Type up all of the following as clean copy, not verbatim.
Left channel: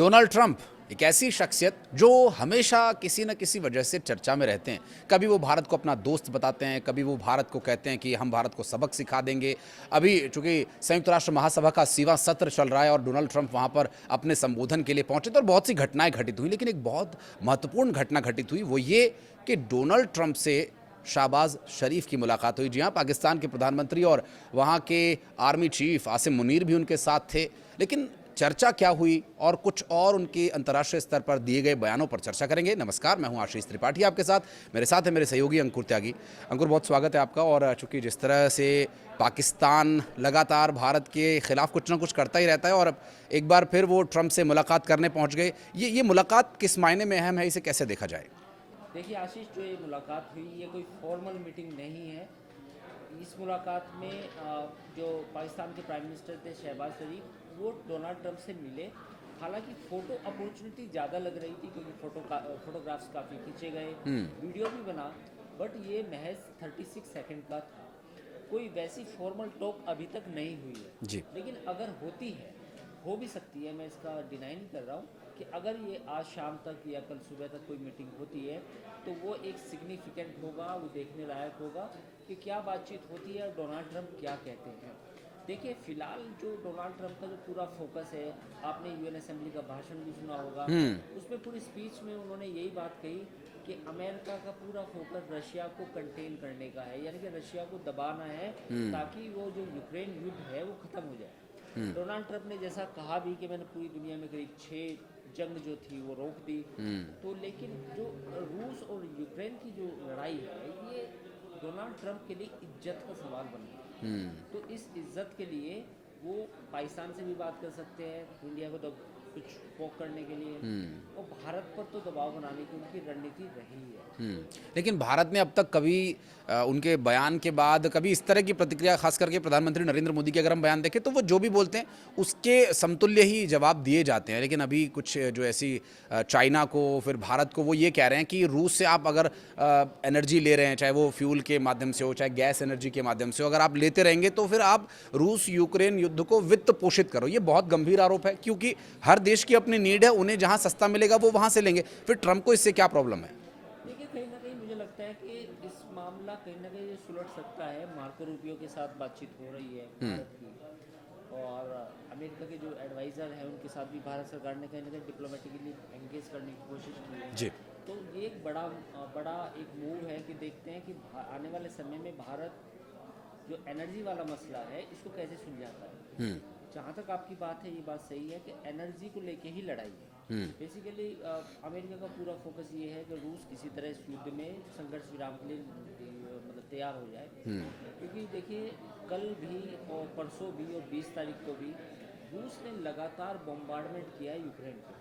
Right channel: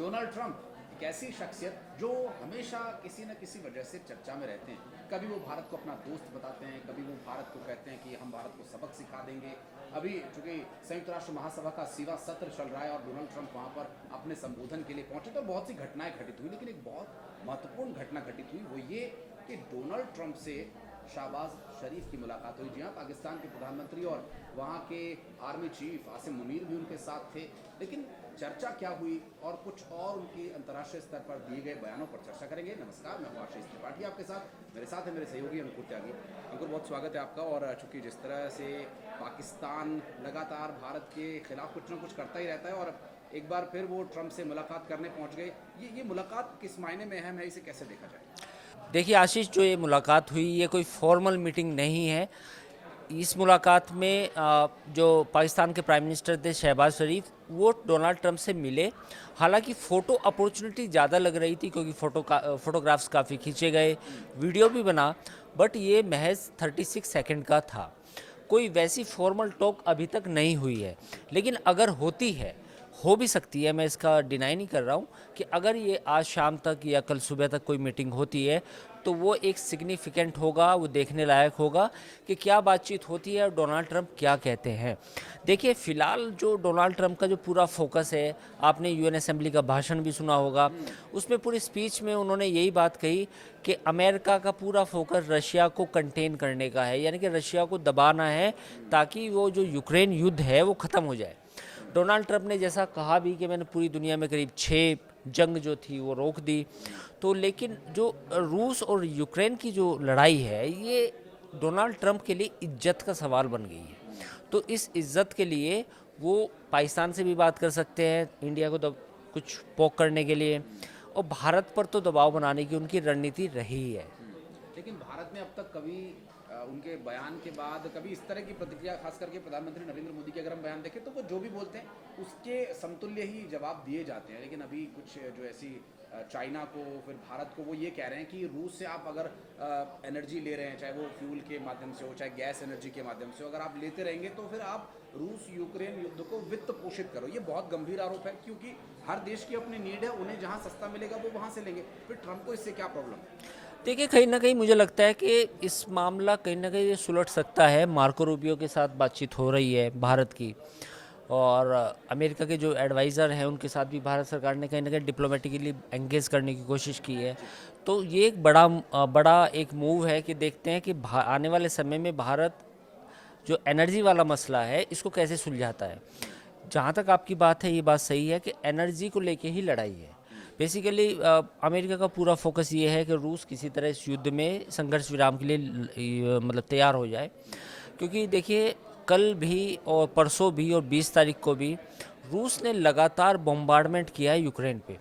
Donald Trump एक ऐसी शख्सियत जो हमेशा किसी न किसी वजह से चर्चा में रहते हैं। कभी वो भारत को अपना दोस्त बताते हैं, कभी वो भारत को कहते हैं कि हम भारत को सबक सिखा देंगे। अभी चूंकि संयुक्त राष्ट्र महासभा का 80वां सत्र चल रहा है और डोनाल्ड ट्रंप वहाँ पर अपने संबोधन के लिए पहुंचे, तो बहुत सी घटनाएं घटित हुई, लेकिन एक बहुत महत्वपूर्ण घटना घटित हुई, वो ये कि डोनाल्ड ट्रंप से शाहबाज शरीफ की मुलाकात हुई। जी हाँ, पाकिस्तान के प्रधानमंत्री और वहाँ के आर्मी चीफ आसिम मुनीर भी उनके साथ थे। लेकिन चर्चा क्या हुई और कुछ और उनके अंतर्राष्ट्रीय स्तर पर दिए गए बयानों पर चर्चा करेंगे। नमस्कार, मैं हूं आशीष त्रिपाठी आपके साथ। मेरे साथ है मेरे सहयोगी अंकुर त्यागी। अंकुर, बहुत स्वागत है आपका। और चूंकि जिस तरह से पाकिस्तान लगातार भारत के खिलाफ कुछ ना कुछ करता ही रहता है और एक बार फिर वो ट्रंप से मुलाकात करने पहुंच गए, ये मुलाकात किस मायने में अहम है, इसे कैसे देखा जाए? देखिए आशीष, जो ये मुलाकात हुई ये कोई फॉर्मल मीटिंग नहीं है। इस मुलाकात में जो पाकिस्तान के प्राइम मिनिस्टर थे शहबाज शरीफ, वो डोनाल्ड ट्रंप से मिले। हालांकि फ़ोटो अपॉर्चुनिटी ज़्यादा लग रही थी क्योंकि फोटोग्राफ्स काफ़ी खींचे गए, वीडियो भी बना, बट ये महज 36 सेकंड का था। कोई वैसी फॉर्मल टॉक अभी तक नहीं हुई है, लेकिन अगर होती है, हो भी सकती है, मैं इसका डिनाई नहीं कर रहा हूँ कि अगर ये आज शाम तक या कल सुबह तक कोई मीटिंग होती है तो वो एक सिग्निफिकेंट होगा, वो देखने लायक होगा कि क्या बातचीत होती है और डोनाल्ड ट्रंप क्या कहते हैं। देखिए, फ़िलहाल जो डोनाल्ड ट्रंप का जो पूरा फोकस है, आपने यूएन असेंबली का भाषण भी सुना होगा, उसमें पूरी स्पीच में उन्होंने यही बात कही कि अमेरिका का पूरा फोकस रशिया को कंटेन करने का है, यानी कि रशिया को दबाना है ताकि वो जो यूक्रेन युद्ध है वो ख़त्म हो जाए। डोनाल्ड ट्रंप ने जैसा कहा भी कि मैंने पूरी दुनिया में करीब 6 जंग जो थी वो रोक दी, तो लेकिन जो रूस और यूक्रेन की जो लड़ाई है ये डोनाल्ड ट्रंप के लिए इज्जत का सवाल बन गई है। तो इस इज्जत के लिए वो पाकिस्तान से भी बात कर सकते हैं, इंडिया को कुछ पोक करने के लिए, और भारत पर तो दबाव बनाने की उनकी रणनीति रही है। लेकिन भारत ने अब तक कभी उनके बयान के बाद कभी इस तरह की प्रतिक्रिया, खास करके प्रधानमंत्री नरेंद्र मोदी के अगर हम बयान देखें तो वो जो भी बोलते हैं उसके समतुल्य ही जवाब दिए जाते हैं। लेकिन अभी कुछ जो ऐसी चाइना को, फिर भारत को, वो ये कह रहे हैं कि रूस से आप अगर एनर्जी ले रहे हैं, चाहे वो फ्यूल के माध्यम से हो, चाहे गैस एनर्जी के माध्यम से हो, अगर आप लेते रहेंगे तो फिर आप रूस यूक्रेन युद्ध को वित्त पोषित करो। ये बहुत गंभीर आरोप है, क्योंकि हर देश की अपनी नीड है, उन्हें जहाँ सस्ता मिलेगा वो वहाँ से लेंगे। फिर ट्रंप को इससे क्या प्रॉब्लम है? देखिए, कहीं ना कहीं मुझे लगता है कि इस मामला कहीं ना कहीं ये सुलझ सकता है। मार्को रूबियो के साथ बातचीत हो रही है भारत की, और अमेरिका के जो एडवाइज़र हैं उनके साथ भी भारत सरकार ने कहीं ना कहीं डिप्लोमेटिकली एंगेज करने की कोशिश की है। तो ये एक बड़ा एक मूव है कि देखते हैं कि आने वाले समय में भारत जो एनर्जी वाला मसला है इसको कैसे सुलझाता है। जहाँ तक आपकी बात है, ये बात सही है कि एनर्जी को लेके ही लड़ाई है। बेसिकली अमेरिका का पूरा फोकस ये है कि रूस किसी तरह इस युद्ध में संघर्ष विराम के लिए मतलब तैयार हो जाए। क्योंकि देखिए, कल भी और परसों भी और 20 तारीख को भी रूस ने लगातार बॉम्बार्डमेंट किया है यूक्रेन पे।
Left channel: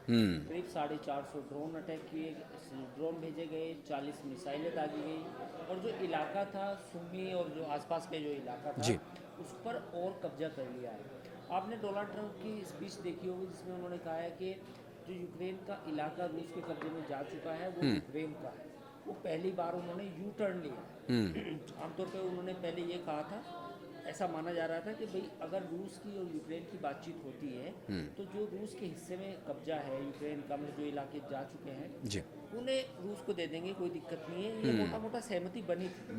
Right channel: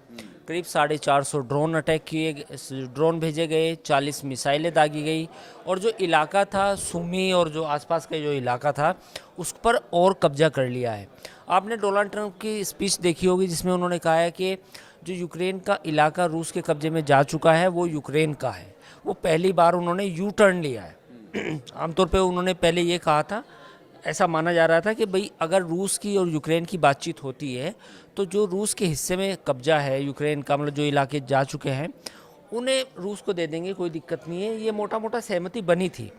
करीब 450 ड्रोन अटैक किए, ड्रोन भेजे गए, 40 मिसाइलें दागी गई, और जो इलाका था सुमी और जो आसपास का जो इलाका था उस पर और कब्जा कर लिया है। आपने डोनाल्ड ट्रंप की स्पीच देखी होगी जिसमें उन्होंने कहा है कि जो यूक्रेन का इलाका रूस के कब्जे में जा चुका है वो यूक्रेन का है। वो पहली बार उन्होंने यू टर्न लिया है। आमतौर पे उन्होंने पहले ये कहा था, ऐसा माना जा रहा था कि भाई अगर रूस की और यूक्रेन की बातचीत होती है तो जो रूस के हिस्से में कब्जा है यूक्रेन का, मतलब जो इलाके जा चुके हैं, उन्हें रूस को दे देंगे, कोई दिक्कत नहीं है। ये मोटा मोटा सहमति बनी थी,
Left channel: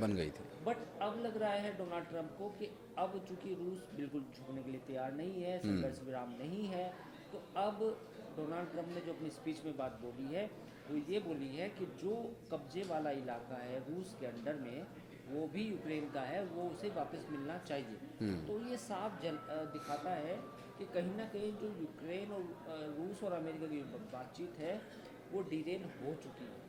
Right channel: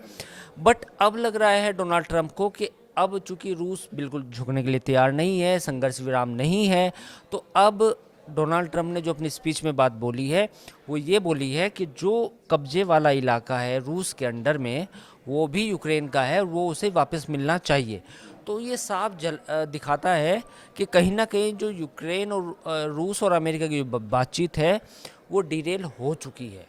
बट अब लग रहा है डोनाल्ड ट्रंप को कि अब चूंकि रूस बिल्कुल झुकने के लिए तैयार नहीं है, संघर्ष विराम नहीं है, तो अब डोनाल्ड ट्रंप ने जो अपनी स्पीच में बात बोली है वो ये बोली है कि जो कब्जे वाला इलाका है रूस के अंडर में वो भी यूक्रेन का है और वो उसे वापस मिलना चाहिए। तो ये साफ दिखाता है कि कहीं ना कहीं जो यूक्रेन और रूस और अमेरिका की जो बातचीत है वो डिटेल हो चुकी है।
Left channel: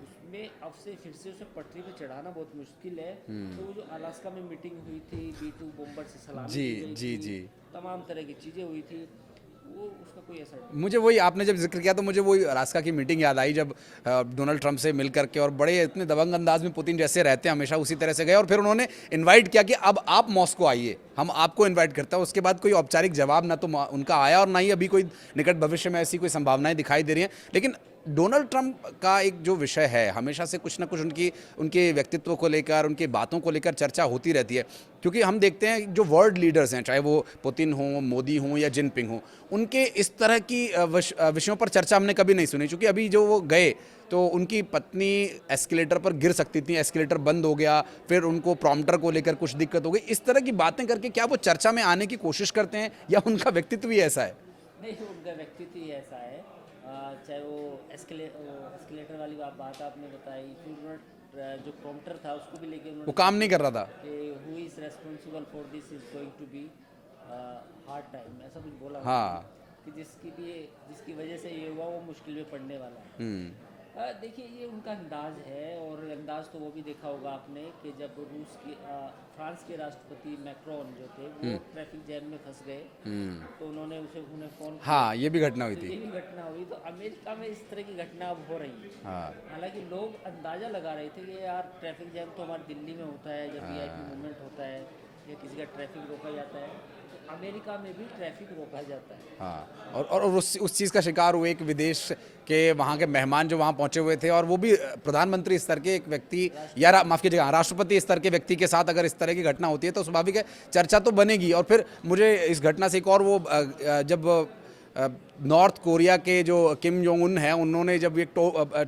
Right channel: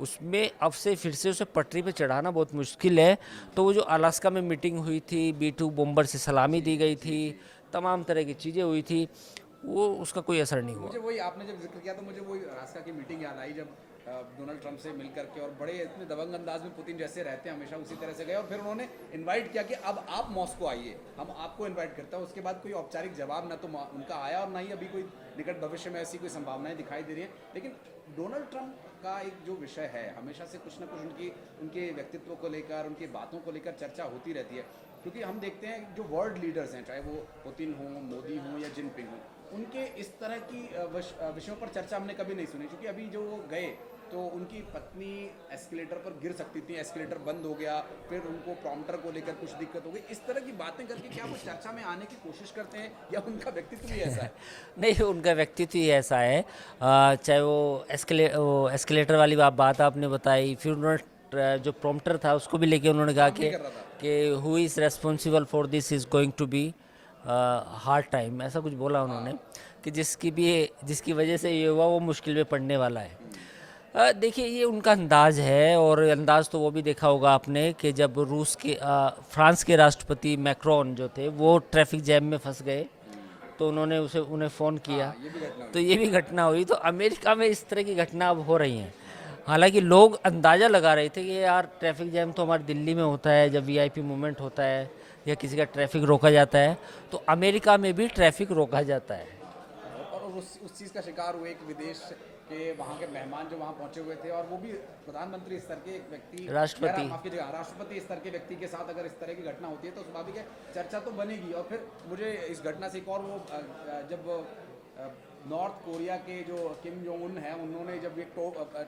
उसमें अब से फिर से उसे पटरी पे चढ़ाना बहुत मुश्किल है। तो वो जो अलास्का में मीटिंग हुई थी, B-2 बॉम्बर से सलामी दी गई थी, तमाम तरह की चीज़ें हुई थी, वो उसका कोई असर नहीं। मुझे वही, आपने जब जिक्र किया तो मुझे वही अलास्का की मीटिंग याद आई, जब डोनाल्ड ट्रंप से मिल करके, और बड़े इतने दबंग अंदाज में पुतिन जैसे रहते हैं हमेशा उसी तरह से गए, और फिर उन्होंने इनवाइट किया कि अब आप मॉस्को आइए, हम आपको इनवाइट करते हैं। उसके बाद कोई औपचारिक जवाब ना तो उनका आया और ना ही अभी कोई निकट भविष्य में ऐसी कोई संभावनाएं दिखाई दे रही हैं। लेकिन डोनाल्ड ट्रंप का एक जो विषय है, हमेशा से कुछ ना कुछ उनके व्यक्तित्व को लेकर, उनकी बातों को लेकर चर्चा होती रहती है। क्योंकि हम देखते हैं जो वर्ल्ड लीडर्स हैं, चाहे वो पुतिन हो, मोदी हो या जिनपिंग हो, उनके इस तरह की विषयों पर चर्चा हमने कभी नहीं सुनी। क्योंकि अभी जो वो गए तो उनकी पत्नी एस्केलेटर पर गिर सकती थी, एस्केलेटर बंद हो गया, फिर उनको प्रॉम्प्टर को लेकर कुछ दिक्कत हो गई। इस तरह की बातें करके क्या वो चर्चा में आने की कोशिश करते हैं या उनका व्यक्तित्व ही ऐसा है? नहीं, उनका व्यक्तित्व ही ऐसा है। चाहे वो एस्केलेटर वाली बात आपने बताई, फिर उन्होंने जो प्रॉम्प्टर था उसको भी लेके उन्होंने कहा काम नहीं कर रहा था। कि who is responsible for this is going to be hard time, ऐसा कुछ बोला उन्होंने कि जिसकी वजह से ये हुआ वो मुश्किल में पड़ने वाला है। देखिए, ये उनका अंदाज है, और अंदाज तो वो भी देखा होगा आपने कि जब फ्रांस के राष्ट्रपति मैक्रोन जो थे वो ट्रैफिक जैम में फंस गए तो उन्हें फ़ोन किया। हाँ, ये भी घटना हुई तो थी। ये भी घटना हुई। तो अमेरिका में इस तरह की घटना अब हो रही हैं। हालांकि लोग अंदाज़ा लगा रहे थे कि यार ट्रैफिक जैम तो हमारी दिल्ली में होता है जब वीआईपी मूवमेंट होता है या किसी का ट्रैफिक रोका जाता है, तो अमेरिका में भी ट्रैफिक रोका जाता है। हाँ, और उस चीज़ का शिकार हुए एक विदेश के वहाँ के मेहमान जो वहाँ पहुँचे हुए थे, और वो भी प्रधानमंत्री स्तर के एक व्यक्ति या माफ़ कीजिएगा राष्ट्रपति स्तर के व्यक्ति के साथ अगर इस तरह की घटना होती है तो स्वाभाविक है चर्चा तो बनेगी। और फिर मुझे इस घटना से एक और वो जब नॉर्थ कोरिया के जो किम जोंग उन है, उन्होंने जब एक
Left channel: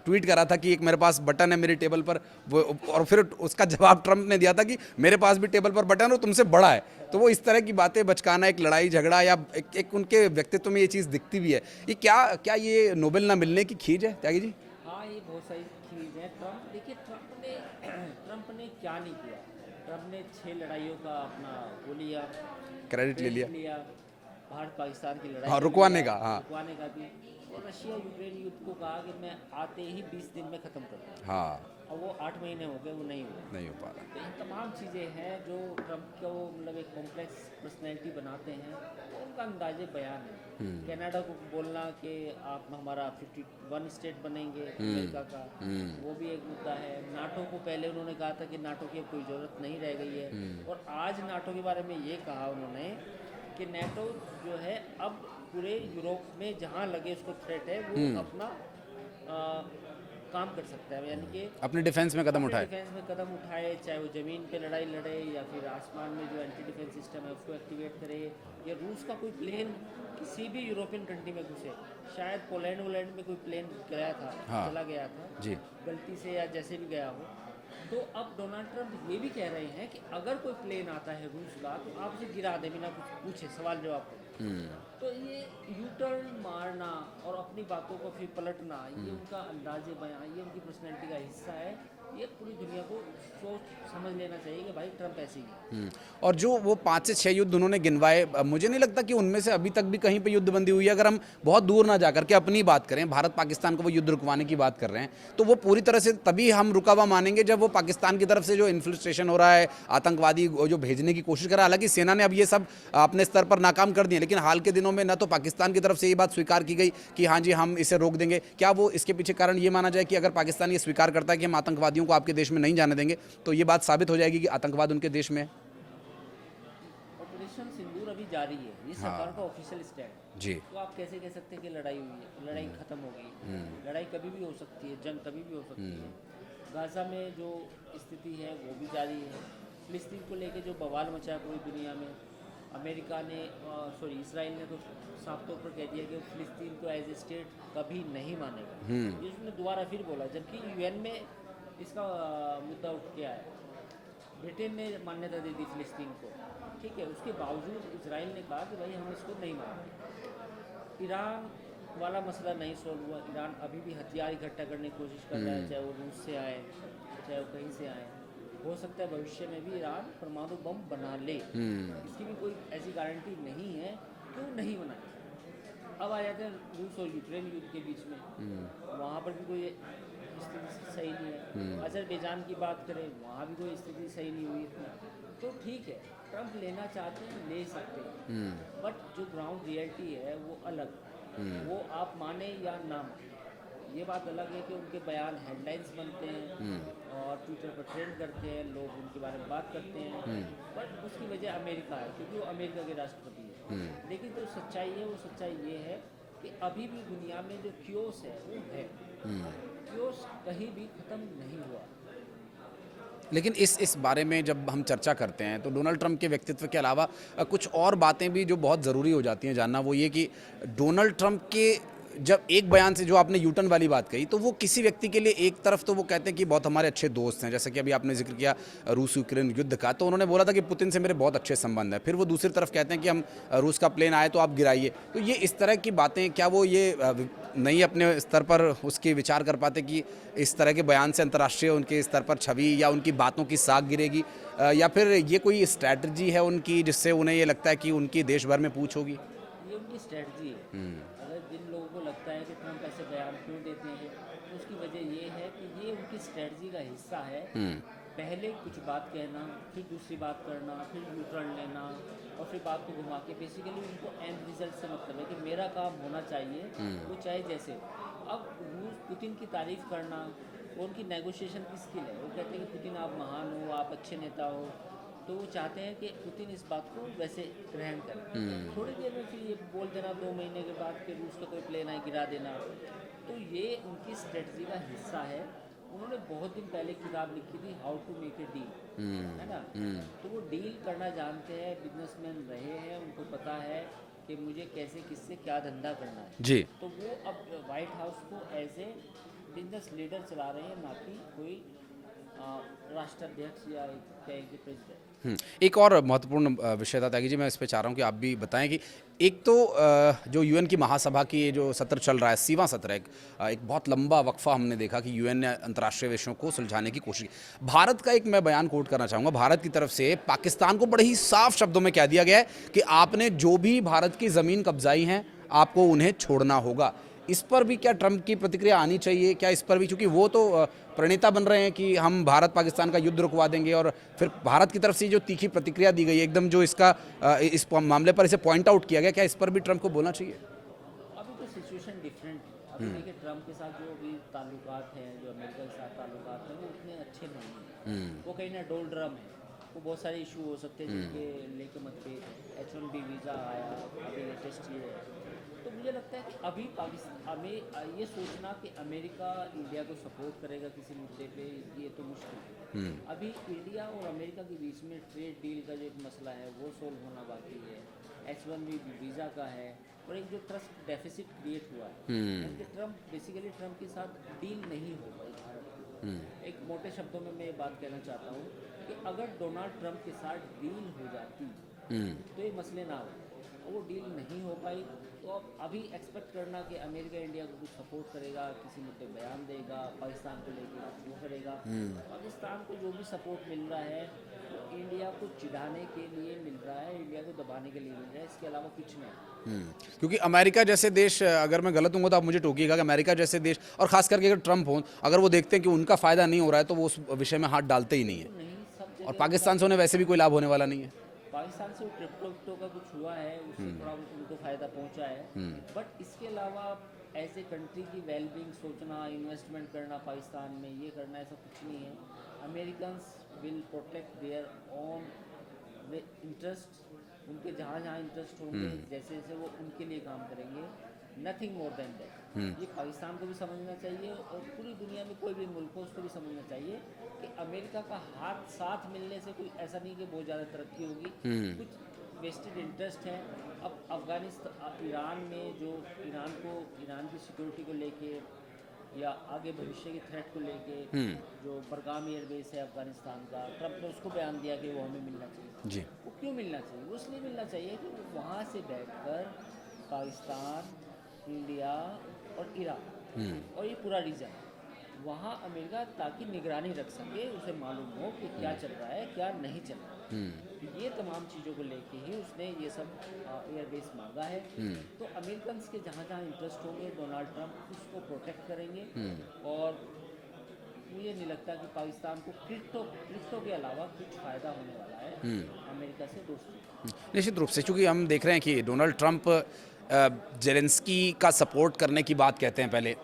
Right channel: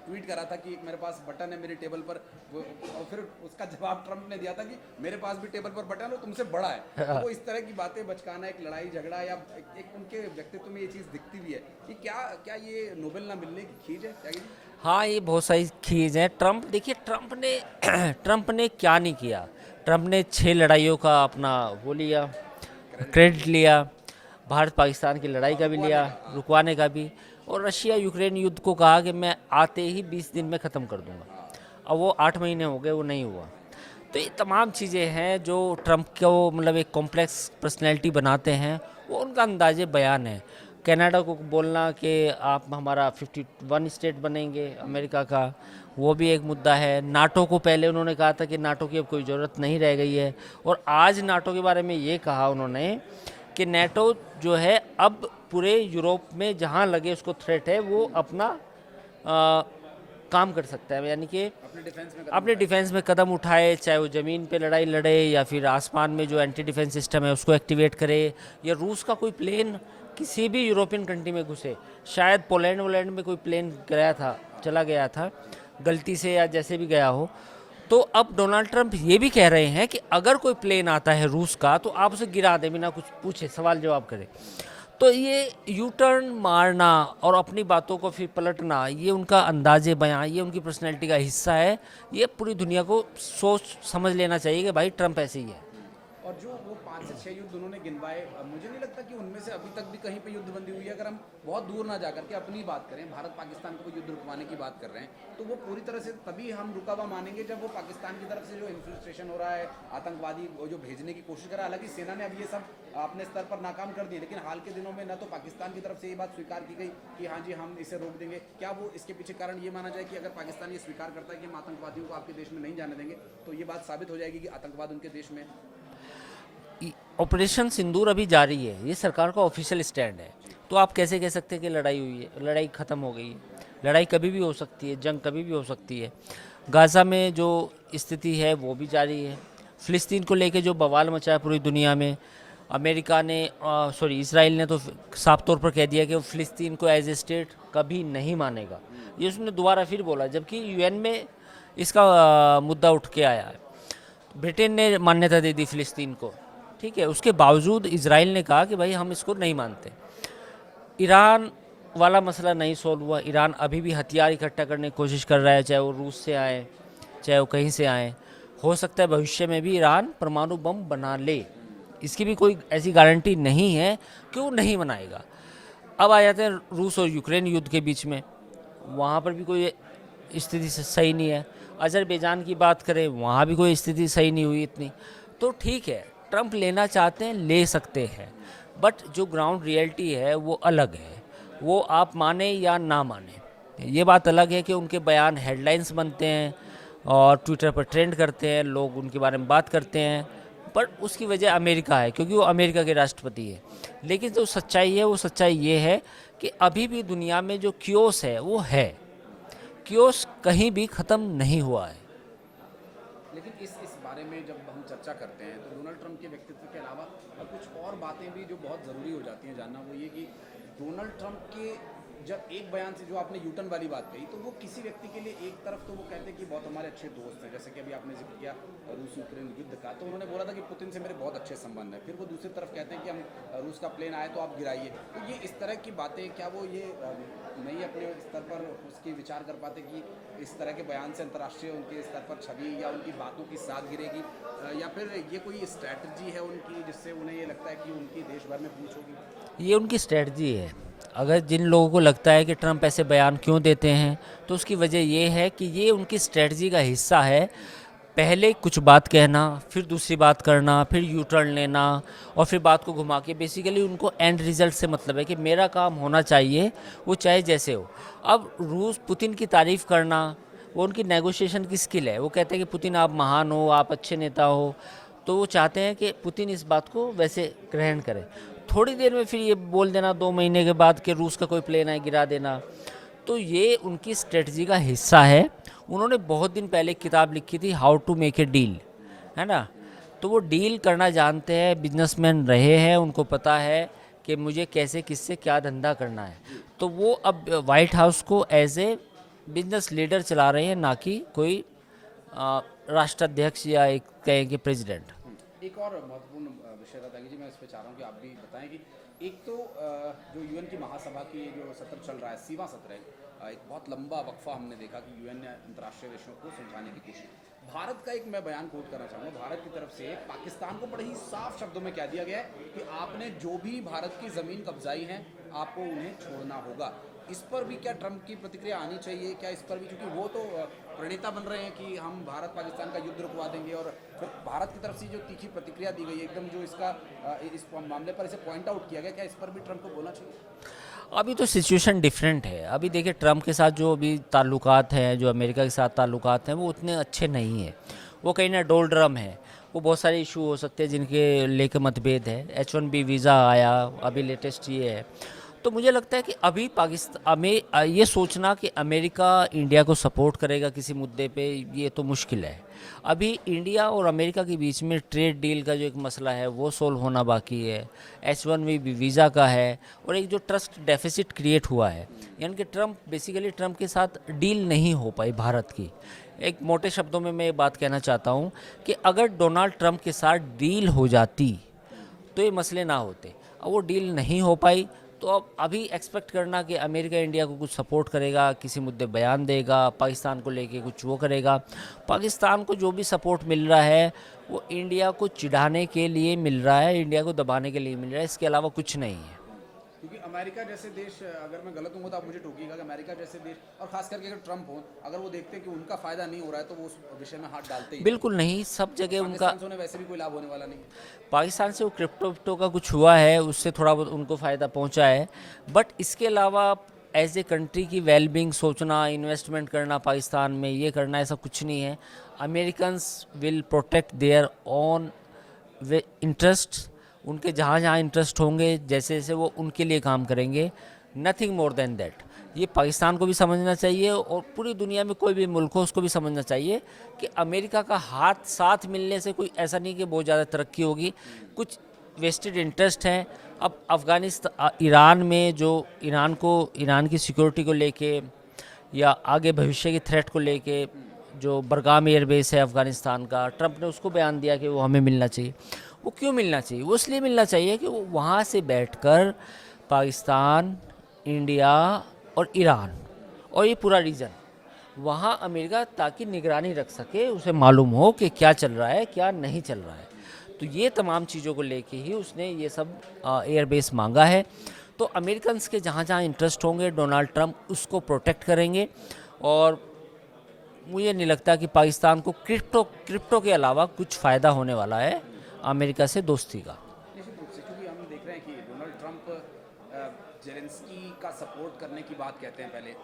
ट्वीट करा था कि एक मेरे पास बटन है मेरी टेबल पर, वो और फिर उसका जवाब ट्रम्प ने दिया था कि मेरे पास भी टेबल पर बटन है, वो तुमसे बड़ा है। तो वो इस तरह की बातें बचकाना, एक लड़ाई झगड़ा या एक उनके व्यक्तित्व में ये चीज़ दिखती भी है। ये क्या ये नोबेल ना मिलने की खींच है त्यागी जी? हाँ, ये बहुत सारी खींच है। देखिए ट्रम्प ने क्या नहीं किया। ट्रम्प ने 6 लड़ाइयों का अपना वो लिया, क्रेडिट लिया। भारत पाकिस्तान की लड़ाई का भी लिया, रुकवाने का भी, और रशिया यूक्रेन युद्ध को कहा कि मैं आते ही 20 दिन में ख़त्म कर दूंगा। अब वो 8 महीने हो गए, वो नहीं हुआ। तो ये तमाम चीज़ें हैं जो ट्रम्प को मतलब एक कॉम्प्लेक्स पर्सनैलिटी बनाते हैं, वो उनका अंदाजे बयान है। कनाडा को बोलना कि आप हमारा 51 स्टेट बनेंगे अमेरिका का, वो भी एक मुद्दा है। नाटो को पहले उन्होंने कहा था कि नाटो की अब कोई ज़रूरत नहीं रह गई है, और आज नाटो के बारे में ये कहा उन्होंने कि नाटो जो है अब पूरे यूरोप में जहाँ लगे उसको थ्रेट है वो अपना काम कर सकता है, यानी कि अपने डिफेंस में कदम उठाए, चाहे वो ज़मीन पे लड़ाई लड़े या फिर आसमान में जो एंटी डिफेंस सिस्टम है उसको एक्टिवेट करे, या रूस का कोई प्लेन किसी भी यूरोपियन कंट्री में घुसे। शायद पोलैंड में कोई प्लेन गया था, चला गया था गलती से या जैसे भी गया हो। तो अब डोनाल्ड ट्रंप ये भी कह रहे हैं कि अगर कोई प्लेन आता है रूस का तो आप उसे गिरा दें बिना कुछ पूछे, सवाल जवाब करें। तो ये यू टर्न मारना और अपनी बातों को फिर पलटना, ये उनका अंदाजे बयां, ये उनकी पर्सनैलिटी का हिस्सा है। ये पूरी दुनिया को सोच समझ लेना चाहिए कि भाई ट्रंप ऐसे ही है। और जो वो 5 से 6 युद्ध उन्होंने गिनवाए, मुझे नहीं लगता कि उनमें से अभी तक भी कहीं पे युद्ध बंदी हुई है। अगर हम बहुत दूर ना जाकर के अपनी बात करें, भारत पाकिस्तान को वो युद्ध रुकवाने की बात कर रहे हैं, तो वो पूरी तरह से तभी हम रुका हुआ मानेंगे जब वो पाकिस्तान की तरफ से जो इन्फ्लिस्ट्रेशन हो रहा है, आतंकवादी जो भेजने की कोशिश कर रहा है। हालांकि सेना ने अब ये सब अपने स्तर पर नाकाम कर दिए, लेकिन हाल के दिनों में न तो पाकिस्तान की तरफ से ये बात स्वीकार की गई कि हाँ जी हम इसे रोक देंगे। क्या वो इसके पीछे कारण ये माना जाए कि अगर पाकिस्तान ये स्वीकार करता है कि हम आतंकवादियों को आपके देश में नहीं जाने देंगे, तो ये बात साबित हो जाएगी कि आतंकवाद उनके देश में है? ऑपरेशन सिंदूर अभी जारी है, ये सरकार का ऑफिशियल स्टैंड है जी। तो आप कैसे कह सकते हैं कि लड़ाई हुई है? लड़ाई ख़त्म हो गई है। लड़ाई कभी भी हो सकती है, जंग कभी भी हो सकती है। गाज़ा में जो स्थिति है वो भी जारी है। फ़िलिस्तीन को लेके जो बवाल मचा है पूरी दुनिया में, अमेरिका ने इसराइल ने तो साफ तौर पर कह दिया कि वो फ़िलिस्तीन को एज ए स्टेट कभी नहीं मानेगा। ये उसने दोबारा फिर बोला, जबकि यूएन में इसका मुद्दा उठ के आया है। ब्रिटेन ने मान्यता दे दी फ़िलिस्तीन को, ठीक है। उसके बावजूद इजराइल ने कहा कि भाई हम इसको नहीं मानते। ईरान वाला मसला नहीं सॉल्व हुआ। ईरान अभी भी हथियार इकट्ठा करने की कोशिश कर रहा है, चाहे वो रूस से आए चाहे वो कहीं से आए। हो सकता है भविष्य में भी ईरान परमाणु बम बना ले, इसकी भी कोई ऐसी गारंटी नहीं है कि वो नहीं बनाएगा। अब आ जाते हैं रूस और यूक्रेन युद्ध के बीच में, वहाँ पर भी कोई स्थिति सही नहीं है। अजरबैजान की बात करें, वहाँ भी कोई स्थिति सही नहीं हुई इतनी। तो ठीक है, ट्रंप लेना चाहते हैं, ले सकते हैं, बट जो ग्राउंड रियलिटी है वो अलग है। वो आप माने या ना माने, ये बात अलग है कि उनके बयान हेडलाइंस बनते हैं और ट्विटर पर ट्रेंड करते हैं, लोग उनके बारे में बात करते हैं, पर उसकी वजह अमेरिका है क्योंकि वो अमेरिका के राष्ट्रपति है। लेकिन जो सच्चाई है वो सच्चाई ये है कि अभी भी दुनिया में जो क्योस है वो है, क्योस कहीं भी ख़त्म नहीं हुआ है। लेकिन इस बारे में जब हम चर्चा करते हैं तो डोनाल्ड ट्रंप के व्यक्तित्व के अलावा कुछ और बातें भी जो बहुत ज़रूरी हो जाती हैं जानना, वो ये कि डोनाल्ड ट्रंप के जब एक बयान से जो आपने यूटर्न वाली बात कही, तो वो किसी व्यक्ति के लिए एक तरफ तो वो कहते हैं कि बहुत हमारे अच्छे दोस्त हैं, जैसे कि अभी आपने जिक्र किया रूस यूक्रेन युद्ध का, तो उन्होंने बोला था कि पुतिन से मेरे बहुत अच्छे संबंध हैं। फिर वो दूसरी तरफ कहते हैं कि हम रूस का प्लेन आए तो आप गिराइए। तो ये इस तरह की बातें, क्या वो ये नहीं अपने स्तर पर उसकी विचार कर पाते कि इस तरह के बयान से अंतर्राष्ट्रीय उनके स्तर पर छवि या उनकी बातों की साख गिरेगी, या फिर ये कोई स्ट्रैटेजी है उनकी जिससे उन्हें ये लगता है कि उनकी देश भर में पूछ होगी? ये उनकी स्ट्रेटजी है। अगर जिन लोगों को लगता है कि ट्रंप ऐसे बयान क्यों देते हैं, तो उसकी वजह ये है कि ये उनकी स्ट्रेटजी का हिस्सा है। पहले कुछ बात कहना, फिर दूसरी बात करना, फिर यू टर्न लेना और फिर बात को घुमा के, बेसिकली उनको एंड रिजल्ट से मतलब है कि मेरा काम होना चाहिए, वो चाहे जैसे हो। अब रूस पुतिन की तारीफ करना वो उनकी नेगोशिएशन की स्किल है। वो कहते हैं कि पुतिन आप महान हो, आप अच्छे नेता हो, तो वो चाहते हैं कि पुतिन इस बात को वैसे ग्रहण करे। थोड़ी देर में फिर ये बोल देना 2 महीने के बाद कि रूस का कोई प्लेन है, गिरा देना। तो ये उनकी स्ट्रेटजी का हिस्सा है। उन्होंने बहुत दिन पहले एक किताब लिखी थी, how to make a deal, है ना। तो वो डील करना जानते हैं, बिजनेसमैन रहे हैं, उनको पता है कि मुझे कैसे किससे क्या धंधा करना है जी। तो वो अब वाइट हाउस को एज ए बिजनेस लीडर चला रहे हैं, ना कि कोई राष्ट्राध्यक्ष या एक कहें कि प्रेसिडेंट। एक और महत्वपूर्ण विषय था त्यागी जी, मैं इस पे चाह रहा हूँ कि आप भी बताएं कि एक तो जो यूएन की महासभा की ये जो सत्र चल रहा है, 80वां सत्र है, एक बहुत लंबा वक्फा हमने देखा कि यूएन ने अंतर्राष्ट्रीय विषयों को सुलझाने की कोशिश की। भारत का एक मैं बयान कोट करना चाहूँगा। भारत की तरफ से पाकिस्तान को बड़े ही साफ शब्दों में कह दिया गया है कि आपने जो भी भारत की ज़मीन कब्जाई हैं, आपको उन्हें छोड़ना होगा। इस पर भी क्या ट्रंप की प्रतिक्रिया आनी चाहिए? क्या इस पर भी, क्योंकि वो तो प्रणेता बन रहे हैं कि हम भारत पाकिस्तान का युद्ध रुकवा देंगे, और फिर भारत की तरफ से जो तीखी प्रतिक्रिया दी गई है एकदम, जो इसका इस मामले पर इसे पॉइंट आउट किया गया, क्या इस पर भी ट्रंप को बोलना चाहिए? अभी तो सिचुएशन डिफरेंट है। अभी देखिए ट्रंप के साथ जो अभी ताल्लुकात हैं, जो अमेरिका के साथ ताल्लुकात हैं, वो उतने अच्छे नहीं हैं। वो कहीं ना डोलड्रम है। वो बहुत सारे इशू हो सकते हैं जिनके लेके मतभेद है। H1B वीज़ा आया, अभी लेटेस्ट ये है। तो मुझे लगता है कि अभी पाकिस्तान में ये सोचना कि अमेरिका इंडिया को सपोर्ट करेगा किसी मुद्दे पे, ये तो मुश्किल है। अभी इंडिया और अमेरिका के बीच में ट्रेड डील का जो एक मसला है वो सोल्व होना बाकी है। H1B वीज़ा का है, और एक जो ट्रस्ट डेफिसिट क्रिएट हुआ है, यानी कि ट्रंप के साथ डील नहीं हो पाई भारत की। एक मोटे शब्दों में मैं ये बात कहना चाहता हूँ कि अगर डोनाल्ड ट्रंप के साथ डील हो जाती तो ये मसले ना होते। अब वो डील नहीं हो पाई, तो अब अभी एक्सपेक्ट करना कि अमेरिका इंडिया को कुछ सपोर्ट करेगा, किसी मुद्दे बयान देगा, पाकिस्तान को लेके कुछ वो करेगा। पाकिस्तान को जो भी सपोर्ट मिल रहा है वो इंडिया को चिढ़ाने के लिए मिल रहा है, इंडिया को दबाने के लिए मिल रहा है, इसके अलावा कुछ नहीं है। क्योंकि अमेरिका जैसे देश, अगर मैं गलत हूँ तो आप मुझे टोकिएगा, कि अमेरिका जैसे देश, और खास करके अगर ट्रंप हो, अगर वो देखते हैं कि उनका फायदा नहीं हो रहा है तो वो उस विषय में हाथ डालते ही बिल्कुल नहीं, सब नहीं। जगह और पाकिस्तान से उन्हें वैसे भी कोई लाभ होने वाला नहीं है। पाकिस्तान से वो क्रिप्टो का कुछ हुआ है, उससे थोड़ा बहुत उनको फ़ायदा पहुंचा है। बट इसके अलावा एज ए कंट्री की वेलबींग सोचना, इन्वेस्टमेंट करना पाकिस्तान में, ये करना, ऐसा कुछ नहीं है। Americans will protect their own interest. उनके जहाँ जहाँ इंटरेस्ट होंगे, जैसे जैसे वो उनके लिए काम करेंगे, नथिंग मोर देन दैट। ये पाकिस्तान को भी समझना चाहिए, और पूरी दुनिया में कोई भी मुल्क हो उसको भी समझना चाहिए कि अमेरिका का हाथ साथ मिलने से कोई ऐसा नहीं कि बहुत ज़्यादा तरक्की होगी। कुछ वेस्टेड इंटरेस्ट हैं। अब अफ़गानिस्तान, ईरान में जो ईरान की सिक्योरिटी को लेके, या आगे भविष्य की थ्रेट को लेके, जो बरगाम एयरबेस है अफ़गानिस्तान का, ट्रंप ने उसको बयान दिया कि वो हमें मिलना चाहिए। वो क्यों मिलना चाहिए? वो इसलिए मिलना चाहिए कि वो वहाँ से बैठकर पाकिस्तान, इंडिया और ईरान और ये पूरा रीजन, वहाँ अमेरिका ताकि निगरानी रख सके, उसे मालूम हो कि क्या चल रहा है, क्या नहीं चल रहा है। तो ये तमाम चीज़ों को लेके ही उसने ये सब एयरबेस मांगा है। तो अमेरिकन के जहाँ जहाँ इंटरेस्ट होंगे, डोनाल्ड ट्रंप उसको प्रोटेक्ट करेंगे। और मुझे नहीं लगता कि पाकिस्तान को क्रिप्टो के अलावा कुछ फ़ायदा होने वाला है अमेरिका से दोस्ती का। निश्चित रूप से, क्योंकि हम देख रहे हैं कि डोनाल्ड ट्रंप जेलेंस्की का सपोर्ट करने की बात कहते हैं पहले,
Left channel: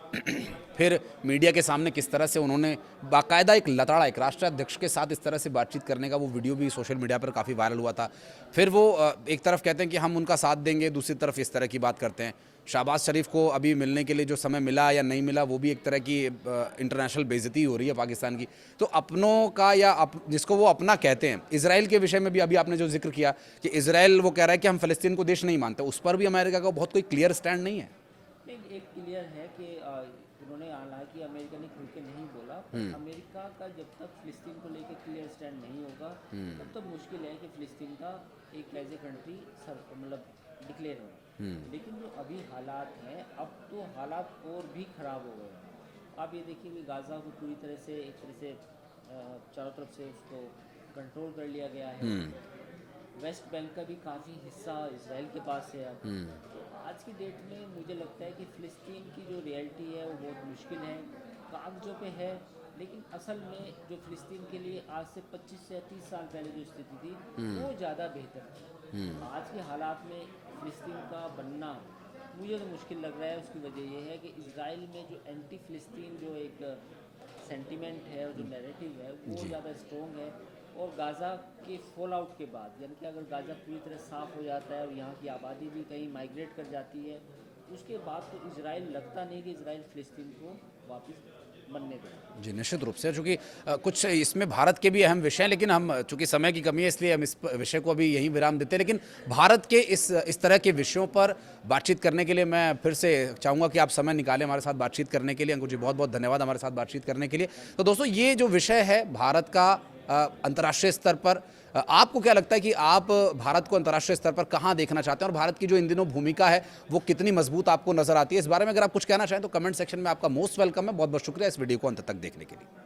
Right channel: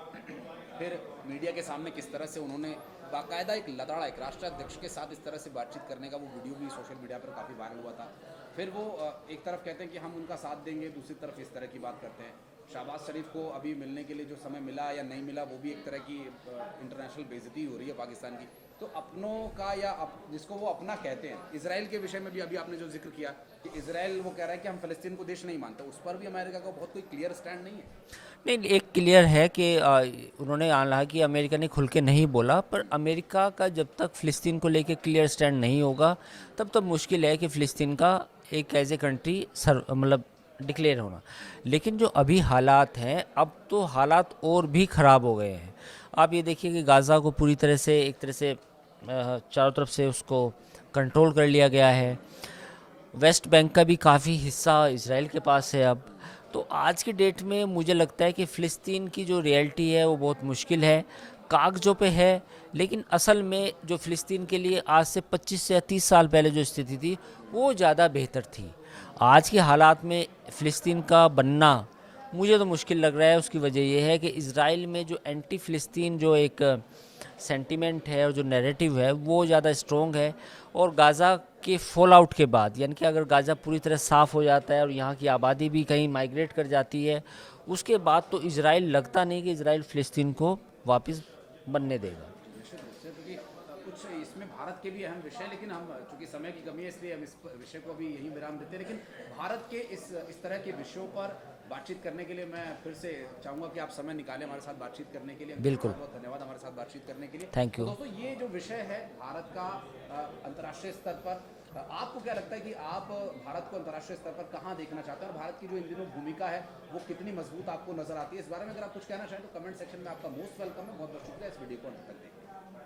फिर मीडिया के सामने किस तरह से उन्होंने बाकायदा एक लताड़ा, एक राष्ट्राध्यक्ष के साथ इस तरह से बातचीत करने का वो वीडियो भी सोशल मीडिया पर काफ़ी वायरल हुआ था। फिर वो एक तरफ कहते हैं कि हम उनका साथ देंगे, दूसरी तरफ इस तरह की बात करते हैं। शहबाज शरीफ को अभी मिलने के लिए जो समय मिला या नहीं मिला वो भी एक तरह की इंटरनेशनल बेइज्जती हो रही है पाकिस्तान की। तो अपनों का या जिसको वो अपना कहते हैं, इजराइल के विषय में भी अभी आपने जो जिक्र किया कि इजराइल वो कह रहा है कि हम फ़लस्तीन को देश नहीं मानते, उस पर भी अमेरिका का बहुत कोई क्लियर स्टैंड नहीं है। नहीं, एक क्लियर है कि उन्होंने हालांकि अमेरिका ने खुल के नहीं बोला, पर अमेरिका का जब तक फ़िलिस्तीन को लेके क्लियर स्टैंड नहीं होगा तब तक मुश्किल है कि फ़िलिस्तीन का एक एज ए कंट्री मतलब डिक्लेयर होना। लेकिन जो अभी हालात हैं, अब तो हालात और भी ख़राब हो गए हैं। आप ये देखिए कि गाज़ा को पूरी तरह से एक तरह से चारों तरफ से उसको कंट्रोल कर लिया गया है। वेस्ट बैंक का भी काफ़ी हिस्सा इजराइल के पास है अब। तो आज की डेट में मुझे लगता है कि फ़िलिस्तीन की जो रियलिटी है वो बहुत मुश्किल है, कागज़ों पे है, लेकिन असल में जो फ़िलिस्तीन के लिए आज से 25 से 30 साल पहले जो स्थिति थी वो ज़्यादा बेहतर थी। आज के हालात में फ़िलिस्तीन का बनना मुझे तो मुश्किल लग रहा है। उसकी वजह ये है कि इजराइल में जो एंटी फ़िलिस्तीन जो एक सेंटिमेंट है और जो नैरेटिव है वो ज़्यादा स्ट्रॉन्ग है। और गाज़ा के फॉल आउट के बाद, यानी कि अगर गाज़ा पूरी तरह साफ़ हो जाता है और यहाँ की आबादी भी कहीं माइग्रेट कर जाती है, उसके बाद तो इजराइल लगता नहीं कि इजराइल फ़िलिस्तीन को वापस बनने देगा। जी, निश्चित रूप से, चूँकि कुछ इसमें भारत के भी अहम विषय हैं, लेकिन हम चूँकि समय की कमी है इसलिए हम इस विषय को अभी यहीं विराम देते हैं। लेकिन भारत के इस तरह के विषयों पर बातचीत करने के लिए मैं फिर से चाहूँगा कि आप समय निकालें हमारे साथ बातचीत करने के लिए। अंकुर जी, बहुत बहुत धन्यवाद हमारे साथ बातचीत करने के लिए। तो दोस्तों, ये जो विषय है भारत का अंतर्राष्ट्रीय स्तर पर, आपको क्या लगता है कि आप भारत को अंतर्राष्ट्रीय स्तर पर कहाँ देखना चाहते हैं और भारत की जो इन दिनों भूमिका है वो कितनी मजबूत आपको नजर आती है? इस बारे में अगर आप कुछ कहना चाहें तो कमेंट सेक्शन में आपका मोस्ट वेलकम है। बहुत बहुत शुक्रिया इस वीडियो को अंत तक देखने के लिए।